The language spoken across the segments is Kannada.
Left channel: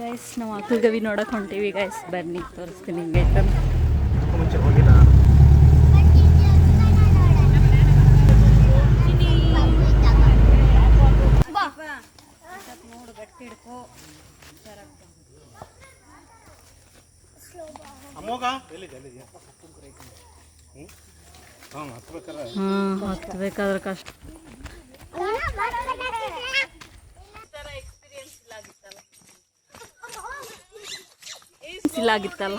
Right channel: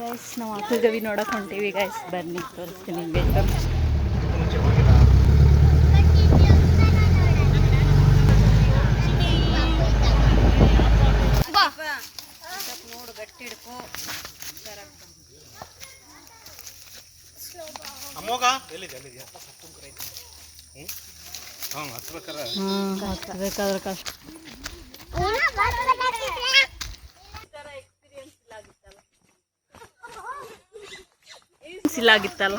ಗೈಸ್ ನಾವು ಆಕಳು ಗವಿ ನೋಡಕ್ಕೆ ಹೊಂಟೀವಿ ಗೈಸ್. ಬನ್ನಿ ತೋರಿಸ್ತೀನಿ ನಿಮಗೆ. ಮುಂಚೆ ಹೋಗಿಲ್ಲ. ನೋಡು ಗಟ್ಟಿ ಹಿಡ್ಕೋ. ಅಮ್ಮೋಗ ಎಲ್ಲಿದೆ ಹತ್ಬೇಕಾದ್ರೆ ಕಷ್ಟ. ಆಗಿತ್ತಲ್ಲ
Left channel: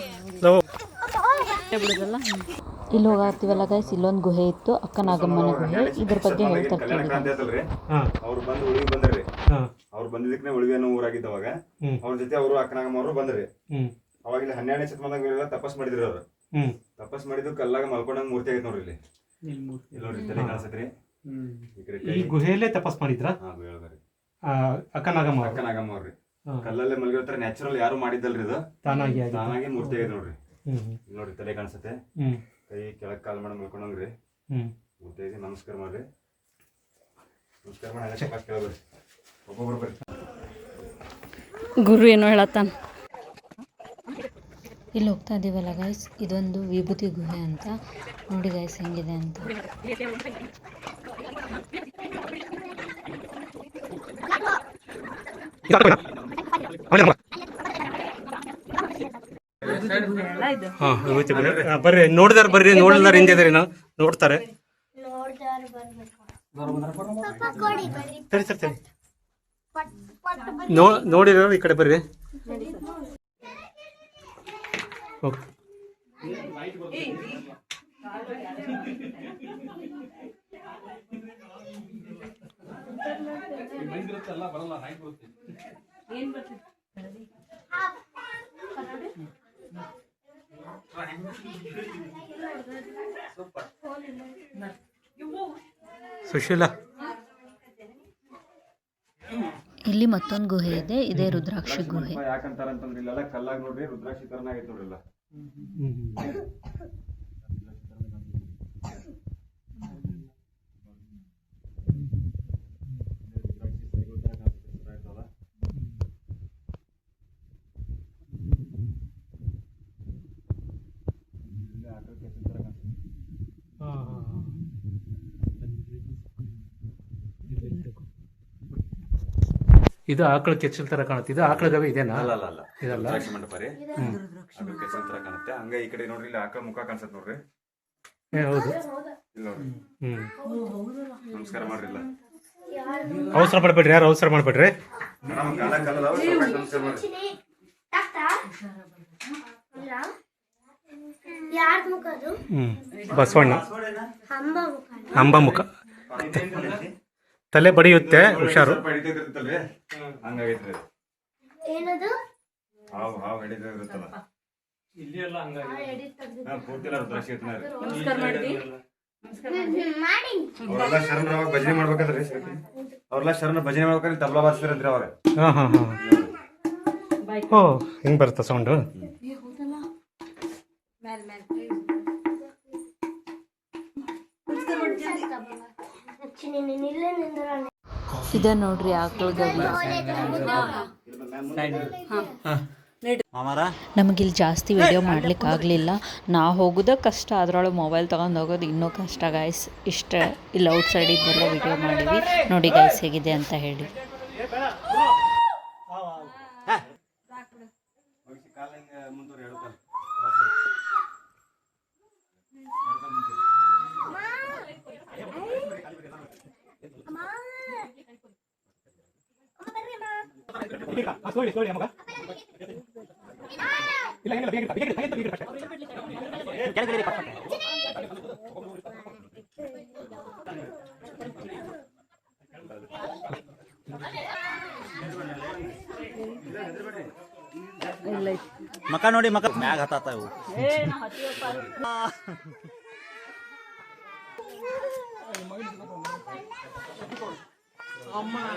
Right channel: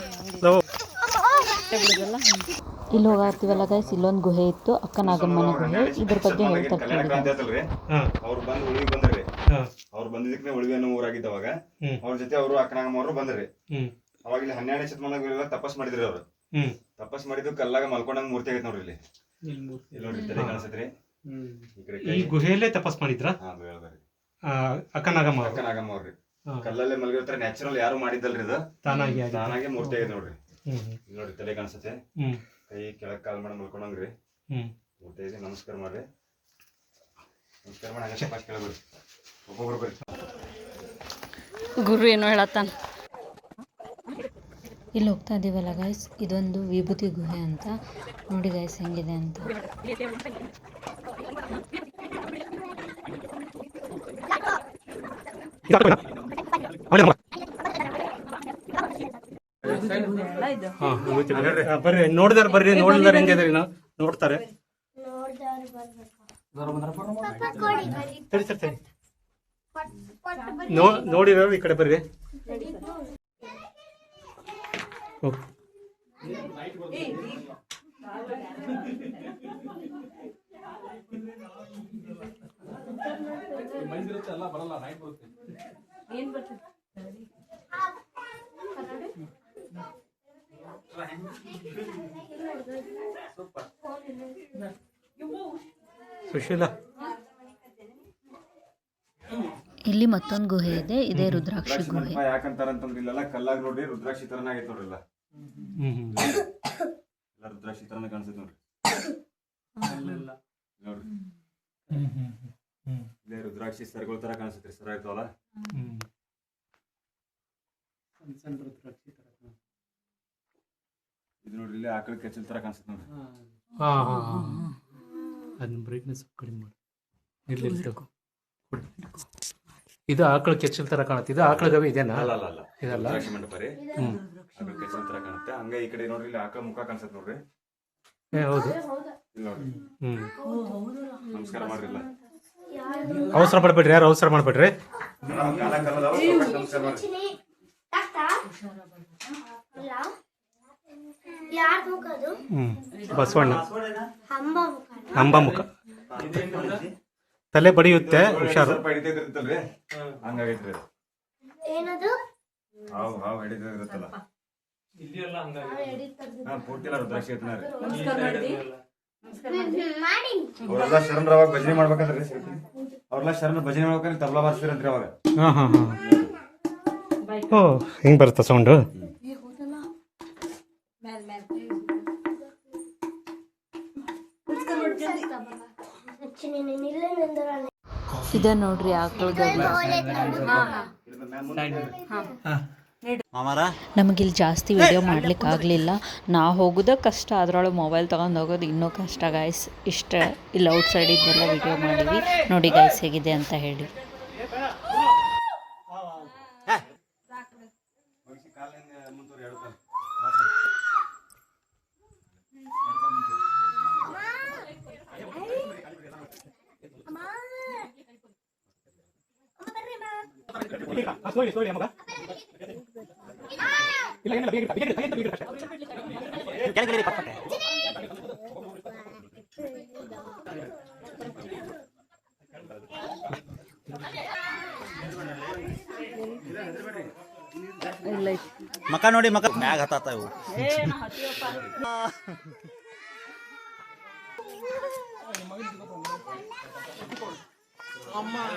ಇಲ್ಲಿ ಹೋಗಾಗ್ತೀವಲ್ಲ ಗೈಸ್, ಇಲ್ಲೊಂದು ಗುಹೆ ಇತ್ತು, ಅಕ್ಕ ನಾಗಮ್ಮನ ಗುಹೆ. ಇದ್ರ ಬಗ್ಗೆ ಹೇಳ್ತಾರೆ ಕೇಳಿ. ಅವ್ರು ಬಂದು ಉಳಿವಿ ಬಂದ್ರಿ. ಅವ್ರು ಬಂದಿದ್ದಕ್ಕೆ ಉಳಿವಿ ಅನ್ನೋ ಊರಾಗಿದ್ದವಾಗ ಅವ್ರ ಜೊತೆ ಅವರು ಅಕ್ಕನಾಗಮ್ಮ ಅವರು ಬಂದ್ರಿ. ಅವಾಗ ಇಲ್ಲಿ 12ನೇ ಶತಮಾನದಾಗ ತಪಸ್ ಮಾಡಿದ್ರಿ. ಅವ್ರು ತಪಸ್ ಮಾಡಿದ್ದು ಕಲ್ಲಾಗ ಮಲ್ಕೊಂಡಂಗ್ ಮೂರ್ತಿ ಆಗೈತೆ ನೋಡ್ರಿ. ಇಲ್ಲಿ ನೋಡ್ರಿ ತಲೆ ಕಾಣಿಸತ್ರಿ. ಈ ಗುಹೆಯಲ್ಲೇ ತಪಸ್ ಮಾಡಿದ್ರ ಅಕ್ಕನಾಗಮ್ಮ ಅವ್ರಿ. ಕಲ್ಲಲ್ಲೇ ಮಲಗಿರ್ತಾರ. ನ್ಯಾಚುರಲ್ ಯಾರು ಮಾಡಿದ್ದಲ್ರಿ. ಇದು ತಾನಾಗಿ ಮೂರ್ತಿ ಆಗೈತೆ ನೋಡ್ರಿ. ನೋಡ್ರಿ ತಲೆ ಕಾಣಿಸತ್ತೆ. ಕೈ ಕೆಳಗ್ ಕಾಲ್ ಮಾಡಿ ಮಲ್ಕೊಂಡಂಗ್ರಿ ಮೂರ್ತಿ ಆಗಿ. ನಮಸ್ಕಾರ ಮಾಡ್ರಿ. ನಮಸ್ಕಾರ ಮಾಡಿ ಆಗತ್ತೆ ಫಸ್ಟ್ ಕೇಳಬ್ರಿ. ಒಬ್ಬೊಬ್ರು ಬರ್ರಿ. ಗುರು ಏನು ಹೇಳತ್ತಾನ. ಇಲ್ಲಿ ಹೋಗ್ತಾ ಇದೀವಲ್ಲ ಗೈಸ್, ಇದೊಂದು ವಿಭೂತಿ ಗುಹೆ ಅಂತ. ನೋಡಿ ಗೈಸ್ ಹೆಂಗಿದೆ ಅಂತ. ಬರ್ರಿ, ನೋಡಿದಾರ ಬರ್ರಿ, ನೋಡಿದಾರ ಹೆಂಗಿದ್ರಿ ನಾವು ನೋಡ್ತಾರೆ. ನೋಡಿದಾರ ಈ ಕಡೆ ಬರ್ರಿ. ಸುಶೀಲಾ, ಇಲ್ಲಿ ಮತ್ತೊಂದು ಗುಹೆ ಇದೆ, ಇದೇ ರುದ್ರಾಕ್ಷಿ ಗುಹೆ. ಯಾಕಂತಾರಂತಂದ್ರೆ ಇಲ್ಲೆಲ್ಲ ಕಲ್ಲಾಗ ನೋಡ್ರಿ ರುದ್ರಾಕ್ಷಿ ತರನ ಆಗೈತೆ ನೋಡ್ರಿಲ್ಲ. ರುದ್ರಾಕ್ಷಿ ತರನ ಕಾಣಿಸುತ್ತೆ ನೋಡ್ರಿ. ನೋಡ್ರಿ ಇಲ್ಲೇ ರುದ್ರಾಕ್ಷಿ ಸರ್ಗಳ ತರ ಕಾಣಿಸುತ್ತೆ. ಸರ ಇರ್ತಾವಲ್ಲ ಇದು ನೋಡ್ರಿ. ಇಲ್ಲಿ ಆಕಳ ಕೆಚ್ಚಲ್ ತರ ಕಾಣಿಸುತ್ತೆ ನೋಡ್ರಿ. ಅದನ್ನ ಬ್ರೈಟ್ನೆಸ್ ಕಡಿಮೆ ಮಾಡಿ. ಇದು ಆಕಳ ಕೆಚ್ಚಲ್ ತರ ಕಾಣುತ್ತೆ. ಇದು ಆಕಳ ಗವಿ ಇದೇನಾ? ಇದಲ್ಲ, ಮಂಟಪ ರೀ. ಆಕಳ ಕೆಚ್ಚಲ್ ತರ ಕಾಣುತ್ತೆ. ಹಂಗ ಈ ಕಡೆ ನೋಡ್ರಿ, ಇಲ್ಲಿ ಆಕಳ ಮುಖ ಕಾಣಿಸುತ್ತೆ ನೋಡ್ರಿ. ಹೌದು. ಇಲ್ಲ ನೋಡ್ರಿ. ನಮಸ್ಕಾರ ಮಾಡ್ರಿ. ಇಲ್ಲ ಅವಸರ ಪಡ್ಬೇಡ್ರಿ, ಯಾರು ಅವಸರ ಮಾಡ್ಬೇಡ್ರಿ. ನಮಸ್ಕಾರ ಮಾಡ್ರಿ. ಬಸವಣ್ಣ ಅಂಬ ಮುಖ. ತಲೆ ಬಡಿಯುತ್ತೆ, ಹುಷಾರು. ಹಂಗಾಗೈತ್ರಿ. ಹಾವು ಹಿಡಿದಿರುತ್ತಲ್ಲ ಪೂರ್ತಿಲ್ಲ ರುದ್ರಾಕ್ಷಿ. ಅವ್ರೆಲ್ಲ ಶರಣರವಾಗ ಭಜನೆ ಮಾಡ್ಬೇಕಂದ್ರಿ. ಅವ್ರೆಲ್ಲ ಶರಣ ಭಜನೆ ಮಾಡ್ಬೇಕಂದ್ರೆ ತಬಲಾ ಬಾರಿಸ್ತೀರಂತ್ರಿ ಅವಾಗ. ಓ, ಹಿಂಗ್ ಬರುತ್ತ ಸೌಂಡು. ಇದ ನೋಡ್ರಿ ಆಕಳ ಗವಿ. ನಮಗಿಲ್ಲಿ ಜಾಸ್ತಿ ವಿಡಿಯೋ ಮಾಡ್ಲಿಕ್ಕೆ ಆಗಲಿಲ್ಲ. ನಾ ಹೋಗೋದ ಕಷ್ಟ, ಅದರೊಳಗೆ ಮೊಬೈಲ್ ತೊಗೊಂಡು ಹೋಗೋದು ಇನ್ನೂ ಕಷ್ಟ ಗಾಯ್ಸ್. ಇಷ್ಟ ಇಲ್ಲಿ ಔಟ್ ಸೈಡಿದ್ದೆಲ್ಲ ವಿಡಿಯೋ ಮಾಡಿವಿ. ನೋಡಿ ಗಾಯ್ಸ್ ಹೇಗಿದೆ ಅಂತ ಹೇಳಿ. ಮಕ ನೋಡಿ, ಮಕ ಮ್ಯಾಗ ಹತ್ತಾತ ಇವು. ಅಮ್ಮ